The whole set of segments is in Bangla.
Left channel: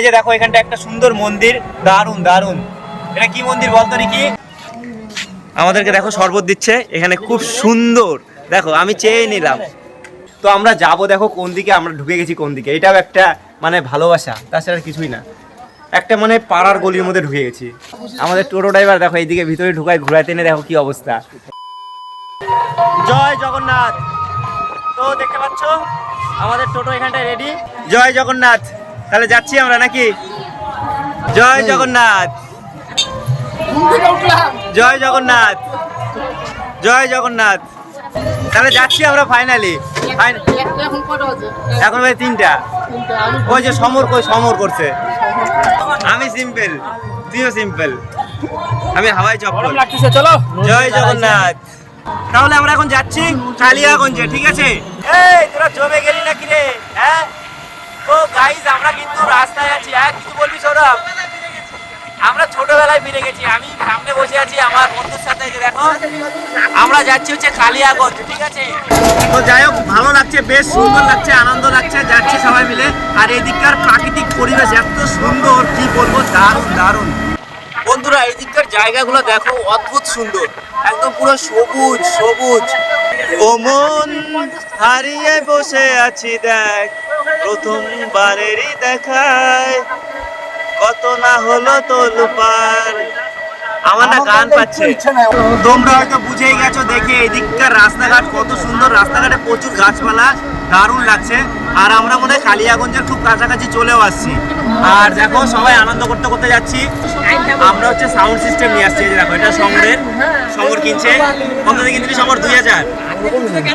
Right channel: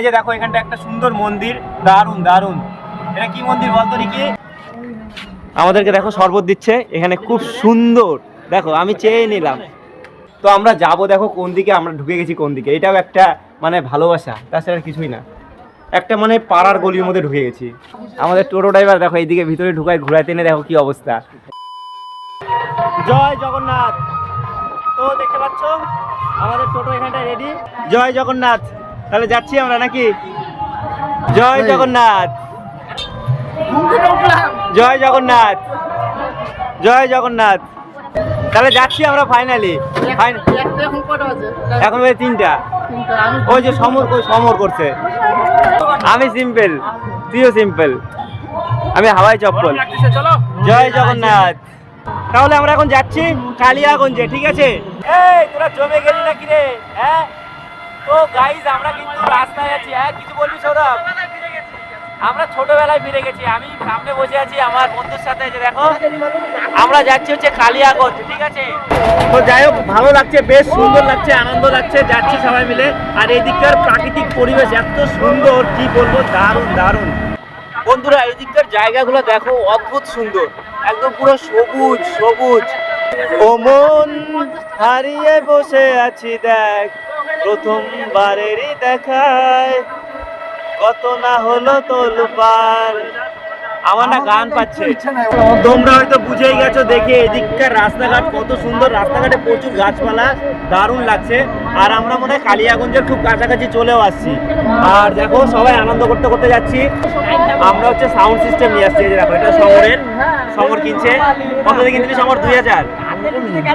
এই যে দেখো, এখানটা একটা সুন্দর মন্দির। দারুণ দারুণ এটা কি মন্দির বলতো কি আমাদেরকে দেখো শরবত দিচ্ছে, এখানে খুব সুন্দর। দেখো, আমি চেয়ে নিলাম। তো আমরা যাব, দেখো, কোন দিকে, আমরা ঢুকে গেছি কোন দিকে। এটাও একটা মানে ভালোবাসা। তাছাড়া কিছুই না। একটা মানে পাড়ার গলির মধ্যে ঢুকে গেছি। আমাদের টোটো ড্রাইভার, দেখো, এইদিকে ভিতরে ঢুকায় ঘুরাইতে এনে দেখো কি অবস্থা। জয় জগন্নাথ। তো, দেখতে পাচ্ছ? আমাদের টোটো এখানটায় রেডি জয় জগন্নাথ। তাহলে যাচ্ছি আমরা নাকি? জয় জগন্নাথ। জয় জগন্নাথ। জয় জগন্নাথ। তাহলে যাচ্ছি আমরা ফাইনালি এখন তিনটা। তিনটা ওই যে সমর কই সমর করছে। আমি সিম্পল তুইও সিম্পল আমি হাওয়াই চপ্পল। জয় জগন্নাথ। তাহলে আমরা এখন যাচ্ছি কালিয়াগঞ্জে ঠিক আছে? এই তোরা জমে গেলি নাকি রে? হ্যাঁ? তো গাইজ আমরা কিন্তু রাস্তায় আছি। হ্যাঁ কিছু বলবি সৌরভ? আমরা ছোটবেলায় ফিরে গেছি। আমি সামনে বসে আছি আমার বন্ধুর সাথে দেখো। আমরা যাচ্ছি হচ্ছে কালিয়াগঞ্জ ঠিক আছে? তো যাই হোক ভালো লাগছে বেশ সুন্দর লাগছে আনন্দ লাগছে যাচ্ছি সবাই মিলে। আর এদিককার প্রাকৃতিক পরিবেশ এত সুন্দর কি বলব দারুণ দারুণ। বন্ধুরা এদিককার জায়গাগুলো দেখো অদ্ভুত সুন্দর। একদম পুরো সবুজ সবুজ। ও মন হারিয়ে বসে আছি দেখ। প্রথমবারেরই দেখায়। কত না হলো তোলপার। আমার না গান পাচ্ছে। তোমরা হয়তো বুঝেই গেছো, দেখে এদিককার রাস্তাঘাট কত সুন্দর। রাস্তাঘাটে প্রচুর গাছপালা, দারুণ লাগছে। আর আমরা মনে হয় কালিয়াগঞ্জের খুব কাছাকাছি চলেও আসছি। আর দেখো, সবাই আনন্দ করতে করতে যাচ্ছি। আমরা হচ্ছে সাউন্ড সিস্টেম নিয়ে আসছি দেখো, এটা সমরের। সমর কিনছে। কত কিনছি সমর দুই হাজার।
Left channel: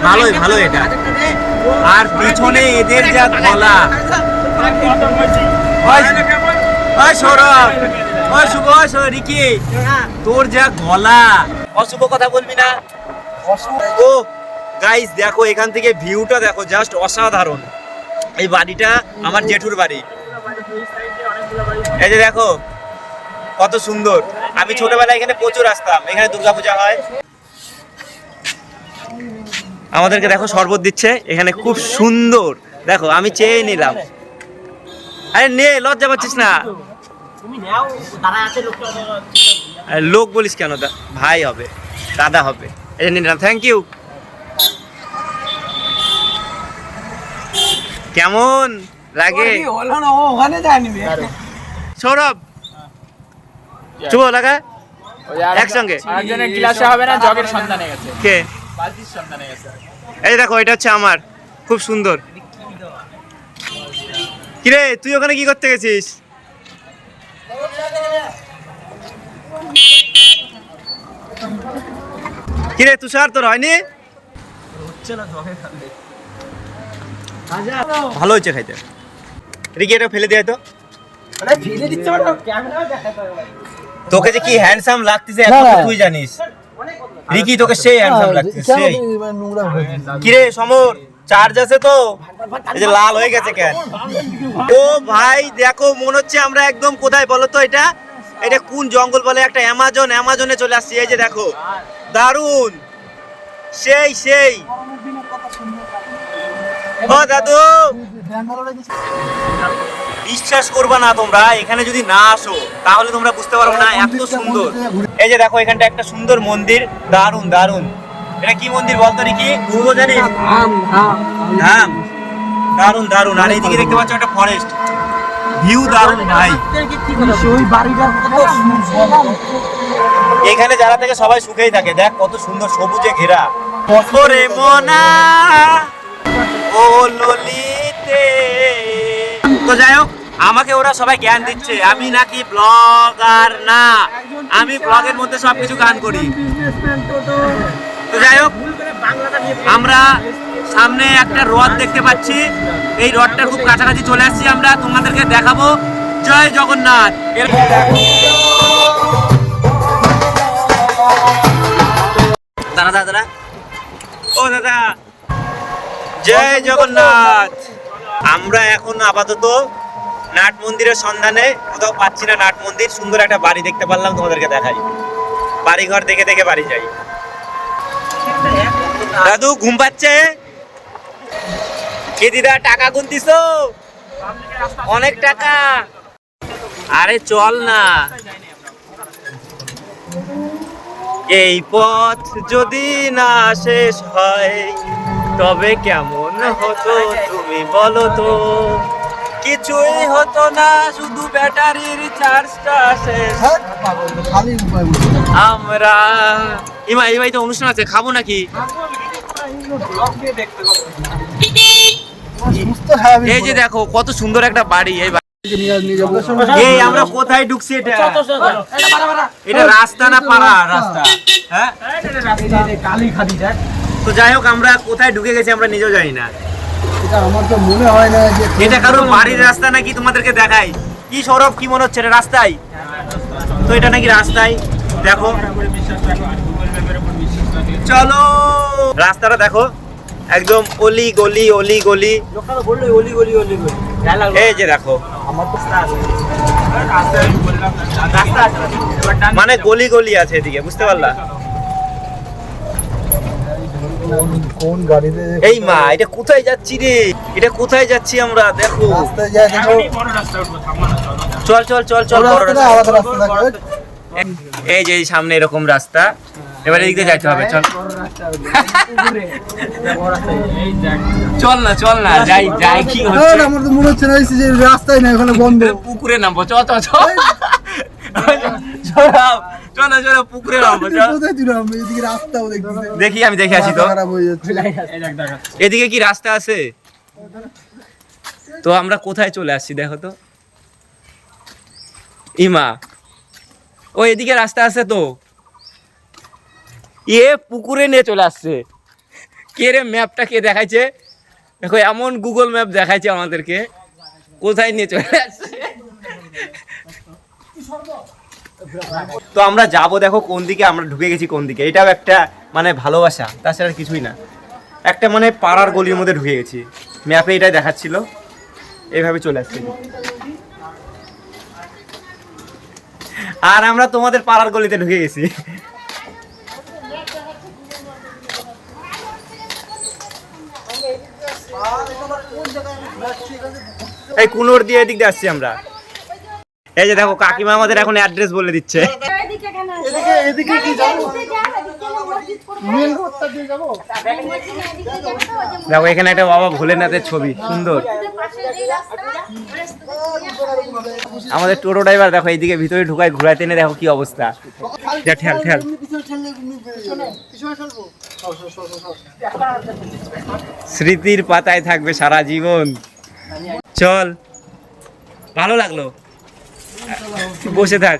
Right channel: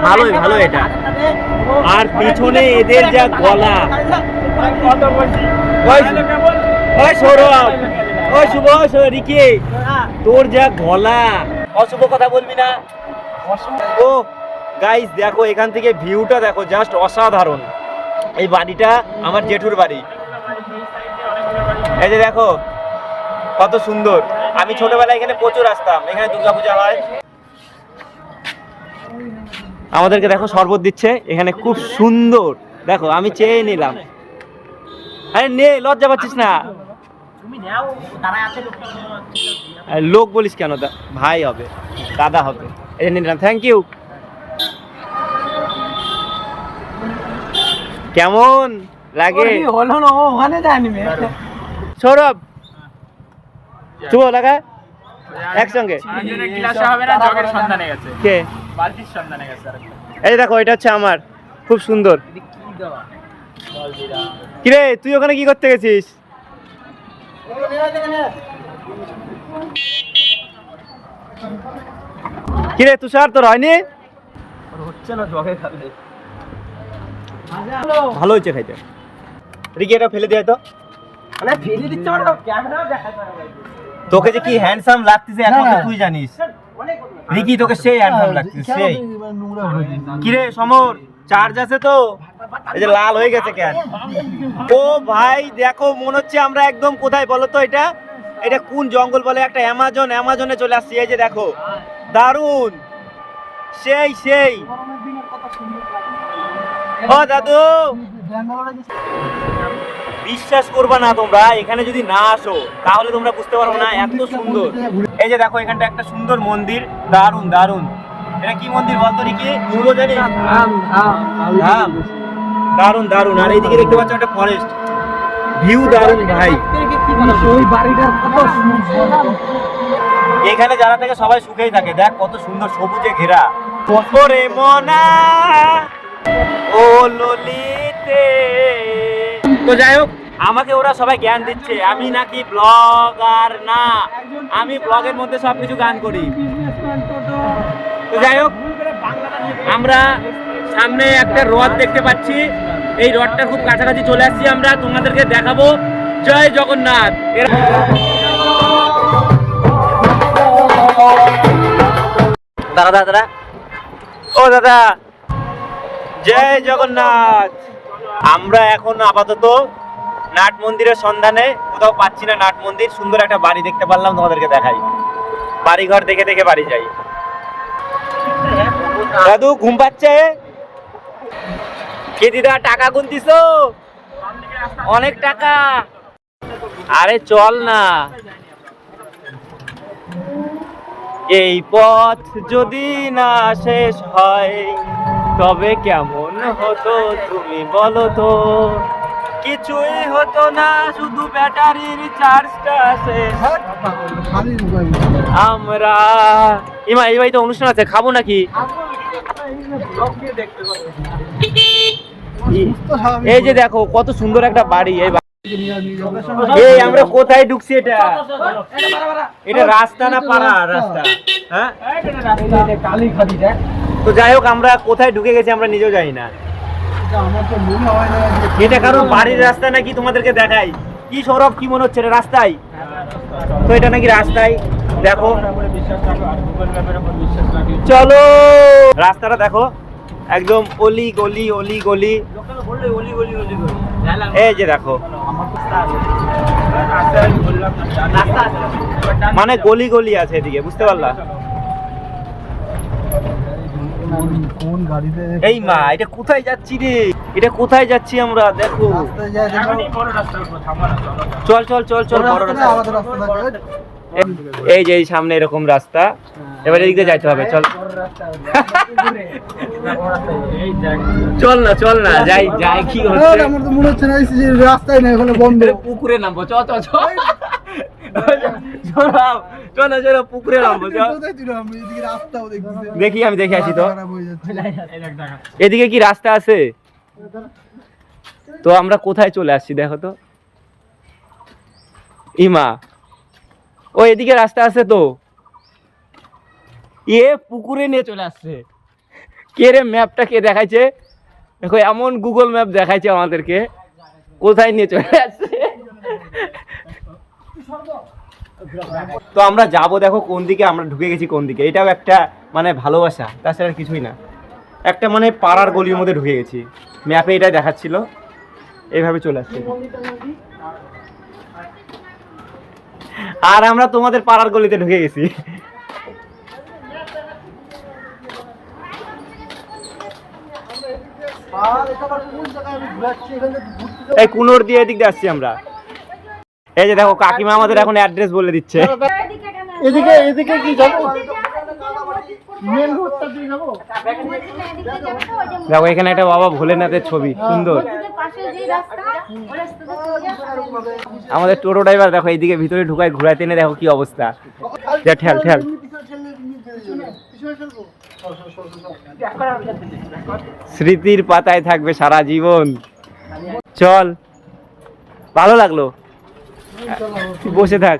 ভালোই ভালো এটা। আর পিছনে এদের যা গলা। তোর যা গলা। অশুভ কথা বলবি না। ও গাইস দেখো, এখান থেকে ভিউটা দেখো জাস্ট অসাধারণ। এই বাড়িটা আমার জেঠুর বাড়ি। এই যে দেখো, কত সুন্দর। আমি ছোটবেলায় এখানে প্রচুর আসতাম। এখানে দুর্গাপূজা হয়। আমাদেরকে দেখো শরবত দিচ্ছে এখানে খুব সুন্দর। দেখো আমি চেয়ে নিলাম। আরে নে লজ্জা পাচ্ছিস না। লোক। বলিস কেন? ভাই হবে দাদা হবে। এই নিলাম থ্যাংক ইউ কেমন? লাগে সৌরভ শুভ লাগা একসঙ্গে। ক্লাসে হবে না জগের সন্ধানে গেছে। কে? বালতির সন্ধানে গেছে আর এই দেখো এটা হচ্ছে আমার। খুব সুন্দর। কিরে তুই ওখানে কি করতে গেছিস? কিরে তুষার তোর হয়নি? ভালো হয়েছে খাইতে। রিকি এটা ফেলে দিয়ে তো। মানে ফেলে দিচ্ছে ক্যামেরা দেখাতে তোকে যে কি হ্যান্ডসাম লাগতেছে এখন তুই জানিস। রিকি তোকে সেই হ্যান্ডসাম লাগতেছে সেই। কিরে সমর চার্জ আছে তো? এই যে লাল হয়ে গেছে কেন? ও ভাই দেখো মনে হচ্ছে আমরা একদম কোথায়? বলো তো এটা। এটা কোন জঙ্গল বলে? একটা অ্যামাজন অ্যামাজনে চলে আসছি। এই যে দেখো দারুণ সেই সেই। ও দাদু। বিশ্বাস করবা না তোমরা, এখানে যদি না আসো, তাহলে তোমরা বুঝতে পারবে না এত সুন্দর। এই যে দেখো, এখানটা একটা সুন্দর মন্দির দারুণ দারুণ এটা কি মন্দির বলতো কি শুভ জানিস? দারুণ দারুণ আর এইদিকে দেখতে পাচ্ছ একটা ফরেস্ট ভিউ দারুণ ভাই। এখানে যারা থেকে, সবাই সুখেই থাকে। দেখ, কত সুন্দর সবুজে ঘেরা। মনা, ও ললিতে। তো যাই হোক, আমাকে ওরা সবাই জ্ঞান দিচ্ছে। আমি নাকি ব্লগার না। আমি ব্লগের মধ্যে সবকিছু গান করি। তো যাই হোক, আমরা সামনে একটা রথ দেখতে পাচ্ছি। এই রথটার খুব কাছাকাছি চলে আসছি আমরা। তোমাদেরকে দেখাবো। জয় জগন্নাথ। এর দাদা দাদা ও দাদা। জয় জগন্নাথ। আমরা এখন আপাতত নাট মন্দিরের সন্ধানে কোথাও পাচ্ছি না নাট মন্দির। সুন্দর একটা বাড়ি দেখতে পারলাম, তোমাদেরকে দেখাই। বাড়ি ঘর দেখে দেখে বাড়ি যাই। দাদু, ঘুম পাচ্ছে? কে দিদা, টাকা গুনতিস? অনেক টাকা। আরে চল না। এই পথ যদি না শেষ হয় তবে কেমন হতো তুমি বলো তো? কিছুই হতো না, শুধু ব্যাটারির চার্জটা শেষ আমরা ইমা এই বাড়িতে অনুষ্ঠান আছে, খাব নাকি? এই যে দেখো, কত সুন্দর একটা বাড়ি, এই এই, আমরা কোথায় ঢুকছি এটা? এটা রাস্তা না পাড়া? রাস্তা। হ্যাঁ? কালি দেখ। তো যাই হোক আমরা কোথায় ঢুকে গেছি আমরা নিজেও জানি না। এটা আমার তো মনে হয় না যে এটা কারও বাড়ির রাস্তা নাকি তোমাদেরকে দেখাই? কি সৌরভ কি মনে হচ্ছে রাস্তায়? তো এটা নাকি রাস্তায়? দেখো। চলো। রাস্তাটা দেখো। একদম অলি গলি অলি গলি। এই যে দেখো। মানে গলি গলি আছে এদিকে বুঝতে পারলা? কোন গাড়িতে এই মা এটা কোথায় যাচ্ছি রে? এটা কোথায় যাচ্ছি আমরা? দেখো। চলো চল চল চল বড় রাস্তা। এই যে সামনে এরকম রাস্তা। এবার এদিক দিয়ে যাইতে হবে চল। চল না চল না যাই যাই কি হচ্ছে? আমার তো মনে হচ্ছে না রাস্তায় নেই ওখানে বন্ধ। পুকুরে নামবো চ চ চ। চল চলো পুকুরে নামবো দেখি আমি দেখে আসি তো। এদিকে কি রাস্তা আছে? তো আমরা কোথায় চলে আসছি দেখো তো। ইমা ও এদিকে রাস্তা আছে তো। এ পুকুরে নিয়ে চলে আসছে। কে রে ম্যাপটা কে দেখাইছে? দেখো এমন গুগল ম্যাপ দেখাইছে আমাদেরকে। কোথায় নিয়ে চলে আসছে? তো আমরা যাব, দেখো কোন দিকে, আমরা ঢুকে গেছি কোন দিকে। এটাও একটা মানে ভালোবাসা, তাছাড়া কিছুই না। একটা মানে পাড়ার গলির মধ্যে ঢুকে গেছি। ম্যাপে এটাই দেখাচ্ছিল। এইভাবে চলে আসছে। আর আমরা তোমাদের পাড়ার গলিতে ঢুকে গেছি। এই কুনোর দিয়ে এদিক দিয়ে আসছি আমরা। এই যে দেখো কাকিমা আমাদের এখন অ্যাড্রেস বলে দিচ্ছে। এদিকে এদিকে কি যাব? দেখো এখানে একটা বাবা ভোলেনাথের ছবি সুন্দর। আমাদের টোটো ড্রাইভার দেখো এইদিকে ভিতরে ঢুকায় ঘুরাইতে এনে দেখো কি অবস্থা। যা ঠেল ঠেল। স্মৃতির পাতায় থাকবে সারা জীবন। চল। ভালো লাগল? বসে থাক।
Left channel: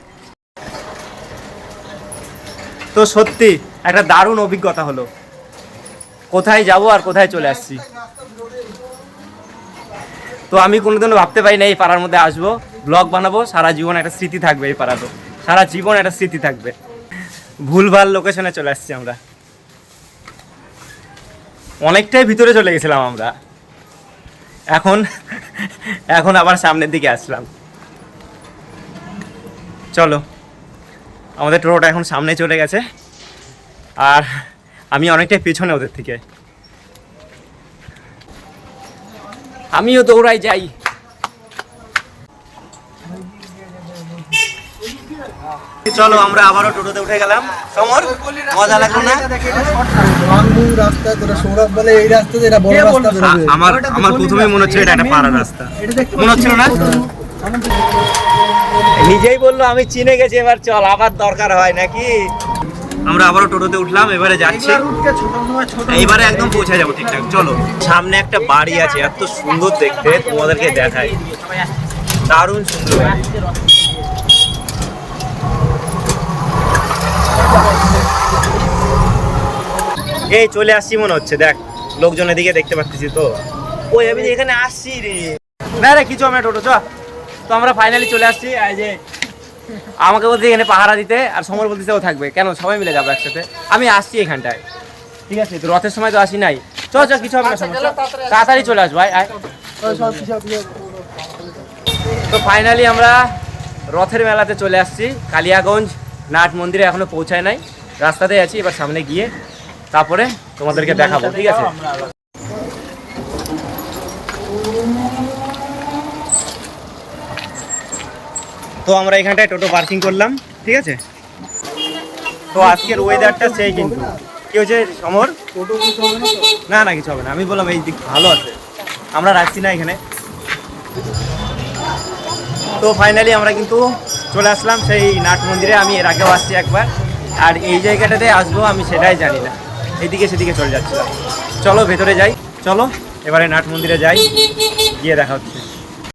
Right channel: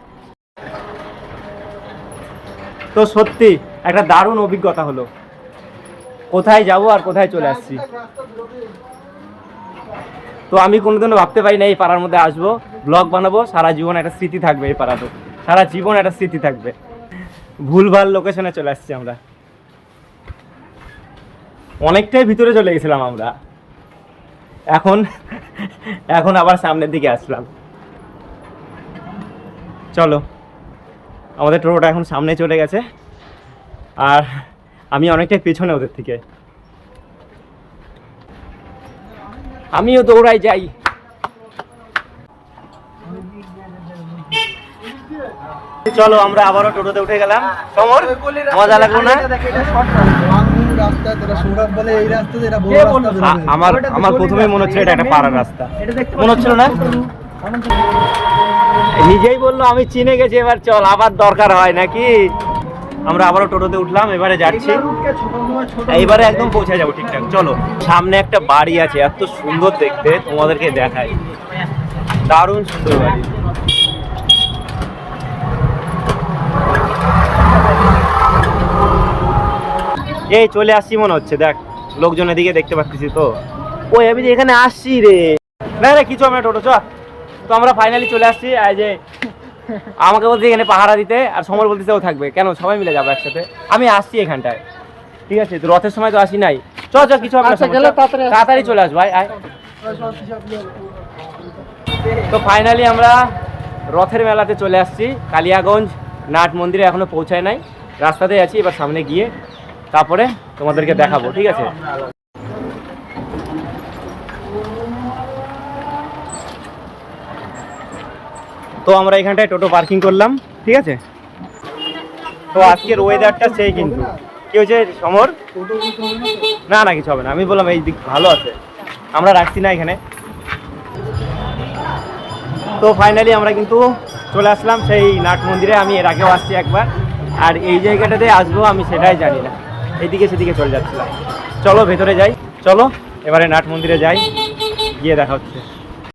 তো সত্যি, একটা দারুণ অভিজ্ঞতা হলো। কোথায় যাব আর কোথায় চলে আসছি। তো আমি কোনোদিনও ভাবতে পারি না এই পাড়ার মধ্যে আসব। ব্লগ বানাবো, সারা জীবন একটা স্মৃতি থাকবে এই পাড়াতে সারা জীবন একটা স্মৃতি থাকবে। ভুলভাল লোকেশনে চলে আসছি আমরা। অনেকটাই ভিতরে চলে গেছিলাম আমরা। এখন এখন আবার সামনের দিকে আসলাম। চলো, আমাদের টোটোটা এখন সামনে চলে গেছে। আর আমি অনেকটাই পেছনে ওদের থেকে। আমিও দৌড়াই যাই। চলো, আমরা আবারও টোটোতে উঠে গেলাম। সমর, মজা লাগল না। আমার আমার প্রথমেই মনে হচ্ছে এটা একটা পাড়া রাস্তা। মনে হচ্ছিল না? নিজেই বলল আমি চিনে গেছি এবার চল আবার দরকার হয় নাকি? আমরা আবারও টোটোতে উঠলাম এবারে যাচ্ছি। এইবারে একদম পৌঁছে যাব ঠিকঠাক। চলো সামনে একটা বাড়ি আছে এত সুন্দর দেখতে তোমাদেরকে দেখাই। দারুণ সুন্দর বাড়ি। এই চলে আসছি মনে হচ্ছে দেখ লোকজন এদিকে দেখতে পাচ্ছি তো। ওই আমি এখানে আসছি রে। না রে কিছু আমরা টোটো চ। তো আমরা ফাইনালি চলে আসছি এই যে আমাকে বলতে এখানে পাহারা দিতে আর সমর বলতেছে ও থাকবে। কেন? সবাই মিলে যাব একসাথে। আমি আসছি এখানটায়। ঠিক আছে? তো রথের সময় তো আসি নাই। চ চ কিছু হবে না সমস্যা। তাড়াতাড়ি চলে আসব আয় আয়। তো ফাইনালি আমরা রথের মেলাতে চলে আসছি। কালিয়াগঞ্জ নাট মন্দিরে এখনও পৌঁছায় নাই। রাস্তাতেই আছি এবার সামনে গিয়ে তারপরে তোমাদেরকে দেখাবো। ঠিক আছে? তো আমরা এখানটায় টোটো পার্কিং করলাম, ঠিক আছে? তো আজকের ওয়েদারটা সেই কিন্তু। কি হয়েছে, সমর? না না, কিছু হবে না। আমি বললাম, এই দিক ভালো আছে। আমরা রাখছি না এখানে। তো ফাইনালি আমরা কিন্তু চলে আসলাম সেই নাট মন্দিরে। আমি এর আগেও আসছি একবার। আর এই জায়গাটাতে আসব আমি সেটাই জানি না। এইদিকে সেদিকে চলে যাচ্ছিলাম। চলো, ভেতরে যাই। চলো, এবারে নাট মন্দিরে যাই। গিয়ে দেখা হচ্ছে।